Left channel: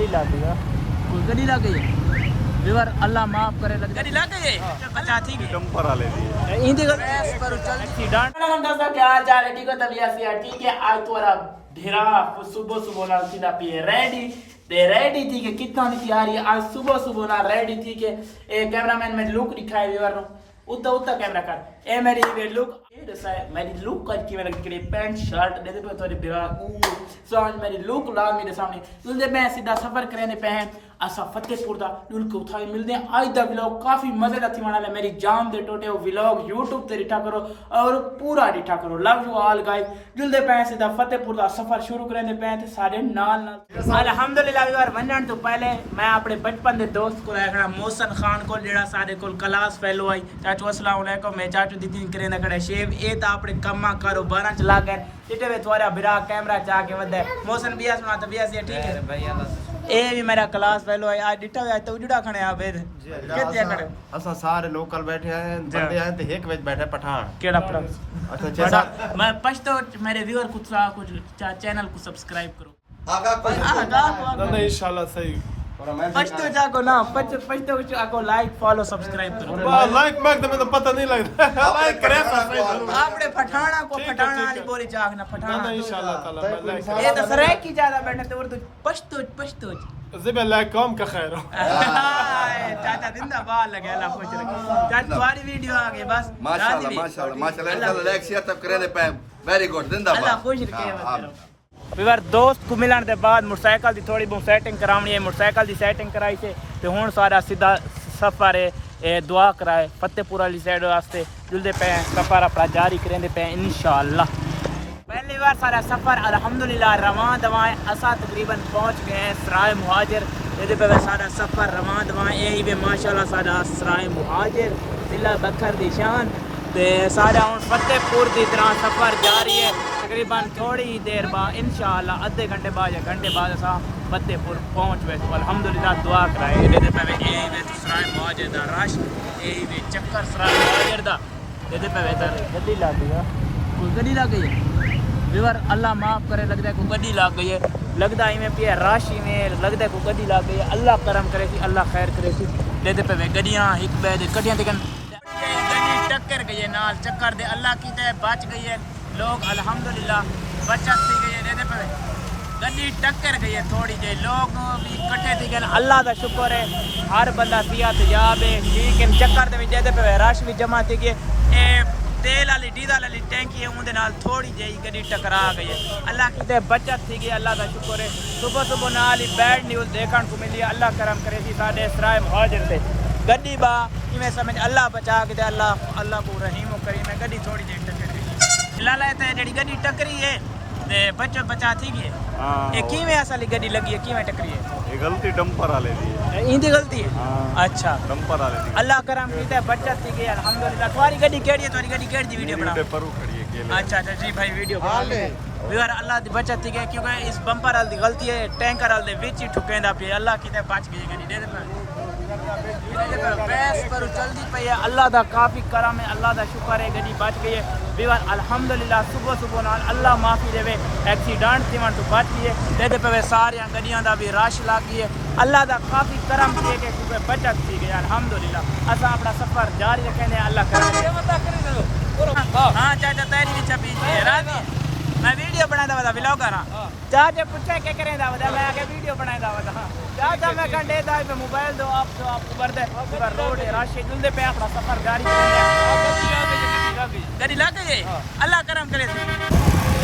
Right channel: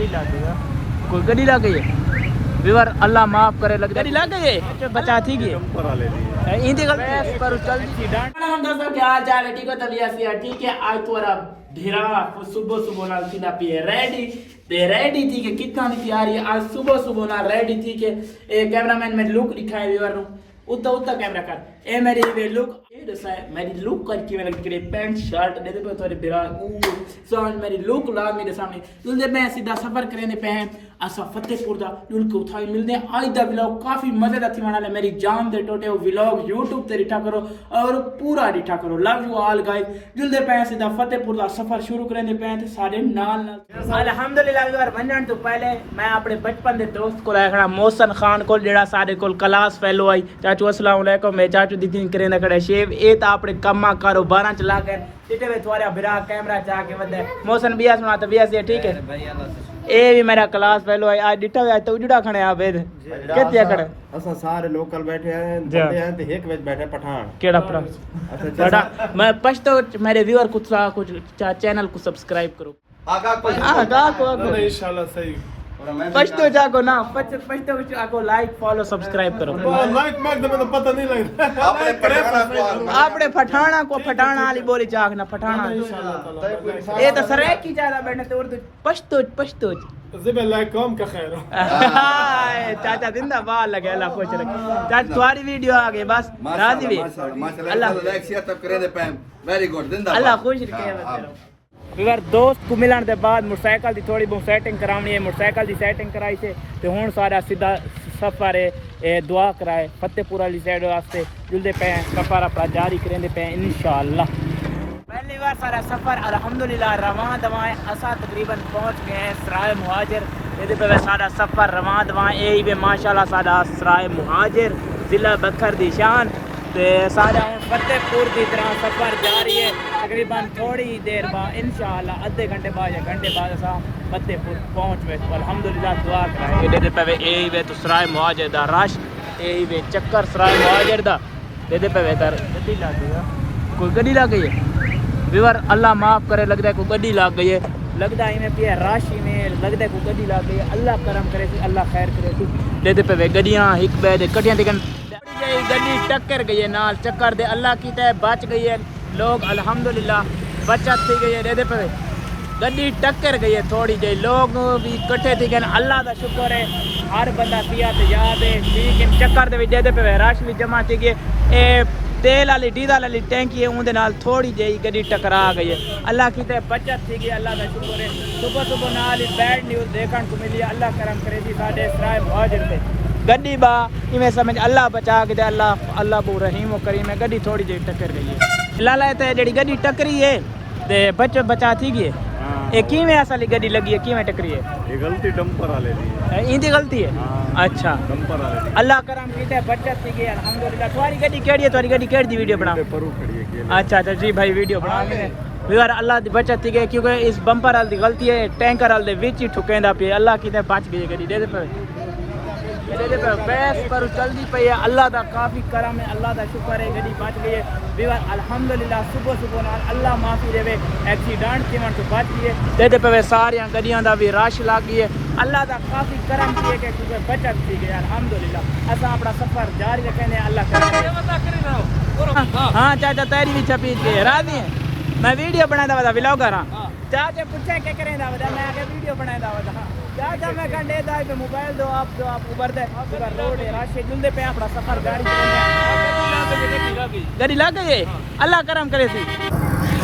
गड्डी लग गई कोई गड्डी लग गई है व्यूअर अल्लाह माफ करे लग गड्डी लग गई है बचा थी कि जंपर वाले लिए इनकी गलती पर चल थी डांट दोस्तों क्या हाल चाल है ठीक हो तबीयत से ठीक है आज तो ढेरा सुबह सुबह ना सीधा पिए रेडी थी कि कितना तैयारी है आज सुबह ना रेडी थी कि कैमरामैन में लुक दिखाए व्यूअर उतना कैमरा कर ए मेरी वे लुक मेरी लुक करके मेरे करे पैंट शर्ट दे दे थोड़ी बिरा सॉन्ग मेरी लुक ला मेरे सामने दुल्दे मैं सीधा सफर करने पहन असा फतेहपुर दा दुल को उठाई मिलने आज दा व्लॉग काफी मजेदार थी वाला मेरी जान दे टोटे वो व्लॉग YouTube ते रिठा करो और पूरा रिठा करो लव यू ऑल गाइस दुल्दे पहन सीधा फतेहपुर दा सफर शुरू करने पहन सारे नाल अल्हम्दुलिल्लाह यार वनन तो पहले मैं अपने बचपन दे दोस्त को रखना मोहसन खान को जेड़ा सारे को क्लास फेलो आई चाचू अस्सलाम वालेकुम मैं चाचू दीदी करेंदा खड़े शेव ए ता अपने कम्मा कारोबार चला कर चिटे वे तुम्हारा बिरा कैमरा चा के वदे मोहसन बिया सुना तो बिया से ठीक है ए भी मेरा क्लास फेलो है आज डिटा आज तो उजड़ा खणे आ बेद केते खड़े असा सारे लोकल बैठे हैं बंदे हैं ते एक वेच बैठे पठान केड़ा पठान अच्छा मैं पछतो मेरे व्यूअर कुछ चैनल को सब्सक्राइब करो आगा को इंशाल्लाह सही पछतो जाको ना पछतो जाको लाइक फॉलो सब्सक्राइब करो लाइक मांगते में तो पता नहीं लगता लाइक करे तो सही जरूर आपने पठाना को पठाना वाली बोली चाक ना पठाना इंशाल्लाह ताला ये तो सरेक की ज्यादा बैठने तो उर्दू पछतो زبل لكم كخير चाचा जिंदाबाद लगे अल्लाह खुश रखे चाचा तुम्हारी वीडियो आ गई बस राजी भी माशाल्लाह अल्लाह लाइक शेयर तब करे पे वेरी गुड जिंदाबाद अल्लाह खुश रखे बस विवर दोस्त को मिलन दे बाद मोटरसाइकिल दी थोड़ी बहुत सेटिंग करावनी है मोटरसाइकिल दी सेटिंग कराई से ते हुन सारा सीधा सफर है दुआ कराए फतेहपुर वाली साइड वास्ते जुलदे पे सफर अपना जारी करेंदे पे इंशाअल्लाह पहली बार सारा सफर अल्हम्दुलिल्लाह रवां दवाएं असा तकरीबन पहुंच गए हैं सराय मुहाजिर ये पे सारा सफर रवां दवाएं यही पे माशाल्लाह सारा सराय मुहाजिर जिला बखर दी शान ते सारा हुन फतेहपुर दी तरह सफर जारी है तकरीबन थोड़ी देर बाद इंशाअल्लाह आधे घंटे बाद या घंटे बाद असा फतेहपुर पहुंच गए तो अल्हम्दुलिल्लाह दुआ करें दे पे यही वे तो सराय मुहाजिर दा रश यही वे चक्कर सराय मुहाजिर दा दे पे तर गड्डी लग गई है कोई गड्डी लग गई है व्यूअर अल्लाह माफ करे लगता है कोई गड्डी लग गई है लगता है में पिया राशि में लगता है कोई गड्डी लग गई है अल्लाह करम करे थी अल्लाह खैर करे थी दे पे गड्डियाँ एक बैद कटियाँ दिखन गड्डी टक्कर गई है नाल चक्कर दे अल्लाह की तय बच गई है लोग अल्हम्दुलिल्लाह बचत थी गई है दे पे गड्डी टक्कर गई है थोड़ी जी लोग भी इकट्ठे थी गए अल्लाह का शुक्र है हर बंदा सेहतयाब है लेकिन चक्कर दे पे रश भी जमा थी गए तेल वाली डीजल वाली टैंकी है उनके नाल थोड़ी जी गड्डी टकरा गई है अल्लाह की ते बचत थी गई अल्लाह का शुक्र है सुबह नाल ही बैड न्यूज़ देखने को मिली अल्लाह करम करे थी साढ़े सराय मुहाजिर से गड्डी बा इवें समझ अल्लाह बचा के दे अल्लाह बो रहीम करीम है गड्डी थोड़ी जी टक्कर गई है लाला ते जेडी गड्डी टकरी है ते बचा थी गई ये किवें असली गड्डी लगी है किवें टकरी है ये गलती डंपर वाले दी है इनकी गलती है अच्छा डंपर वाले दी अल्लाह करम की ते बचत थी गई अल्हम्दुलिल्लाह तुम्हारी गड्डी केड़ी है तुम्हारी गड्डी केड़ी दी वीडियो बना परू खड़ी है के अच्छा जी भाई वीडियो व्यूअर अल्लाह दी बचत थी गई क्योंकि इस बंपर वाल दी गलती है टैंकर वाल दे विच ही ठुकेंदा पे अल्लाह की ते बच गई गड्डी दे पे बैस पर चलती पई है अल्लाह दा काफी करम है अल्लाह दा शुक्र है गड्डी बच गई है व्यूअर अल्हम्दुलिल्लाह सुबह नाल अल्लाह माफी देवे एक्सीडेंट थी तो बच गई है दे पे सारियां गड्डियां दा भी रश लग गई है अल्लाह दा काफी करम किए थे क्योंकि बचत थी गई अल्हम्दुलिल्लाह असा अपना सफर जारी रखें अल्लाह करे हाँ चाचा तेरी भी छपी थी राजी है मैं वीडियो बनाता था व्लॉगर हाँ चाचा पूछे क्या करें दावत मैं आगे वीडियो बनाया दावत हाँ चाचा मैं कंडे दाई पे मोबाइल दो आप उबर दे रोड है राशि जुलदे पे अपना सफर गाड़ी गाड़ी लग गई अल्लाह करम करे सी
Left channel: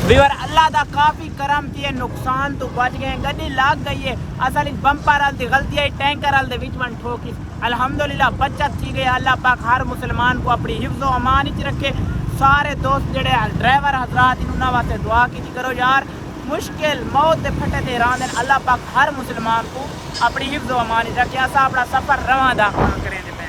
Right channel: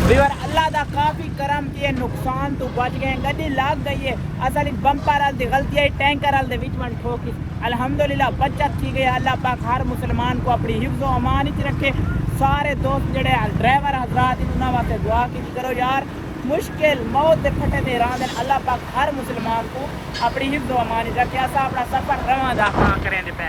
व्यूअर अल्लाह दा काफी करम थी नुकसान तो बच गए गड्डी लग गई है असल बंपर वाल दी गलती है टैंकर वाल दे विच में ठोकी अल्हम्दुलिल्लाह बचत थी गई अल्लाह पाक हर मुसलमान को अपनी हिफ्ज़ो अमान च रखे सारे दोस्त जड़े ड्राइवर हजरात उन्होंने वास्ते दुआ की करो यार मुश्किल मौत के फटे दे रान अल्लाह पाक हर मुसलमान को अपनी हिफ्ज़ो अमान च रखे असा अपना सफर रवाना करें पे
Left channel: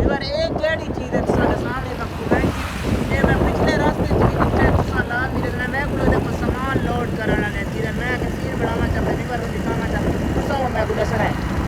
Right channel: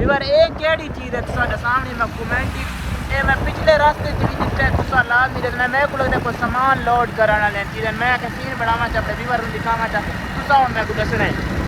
एक केड़ी चीज़ है सामने मैं कमेंट की मैं पिछले रास्ते जितने तुसा नाल मिलना मैं को सामान लोड कराना मैं सीन बनावा चाहता दिखावा चाहता तुसा मैं को दसना है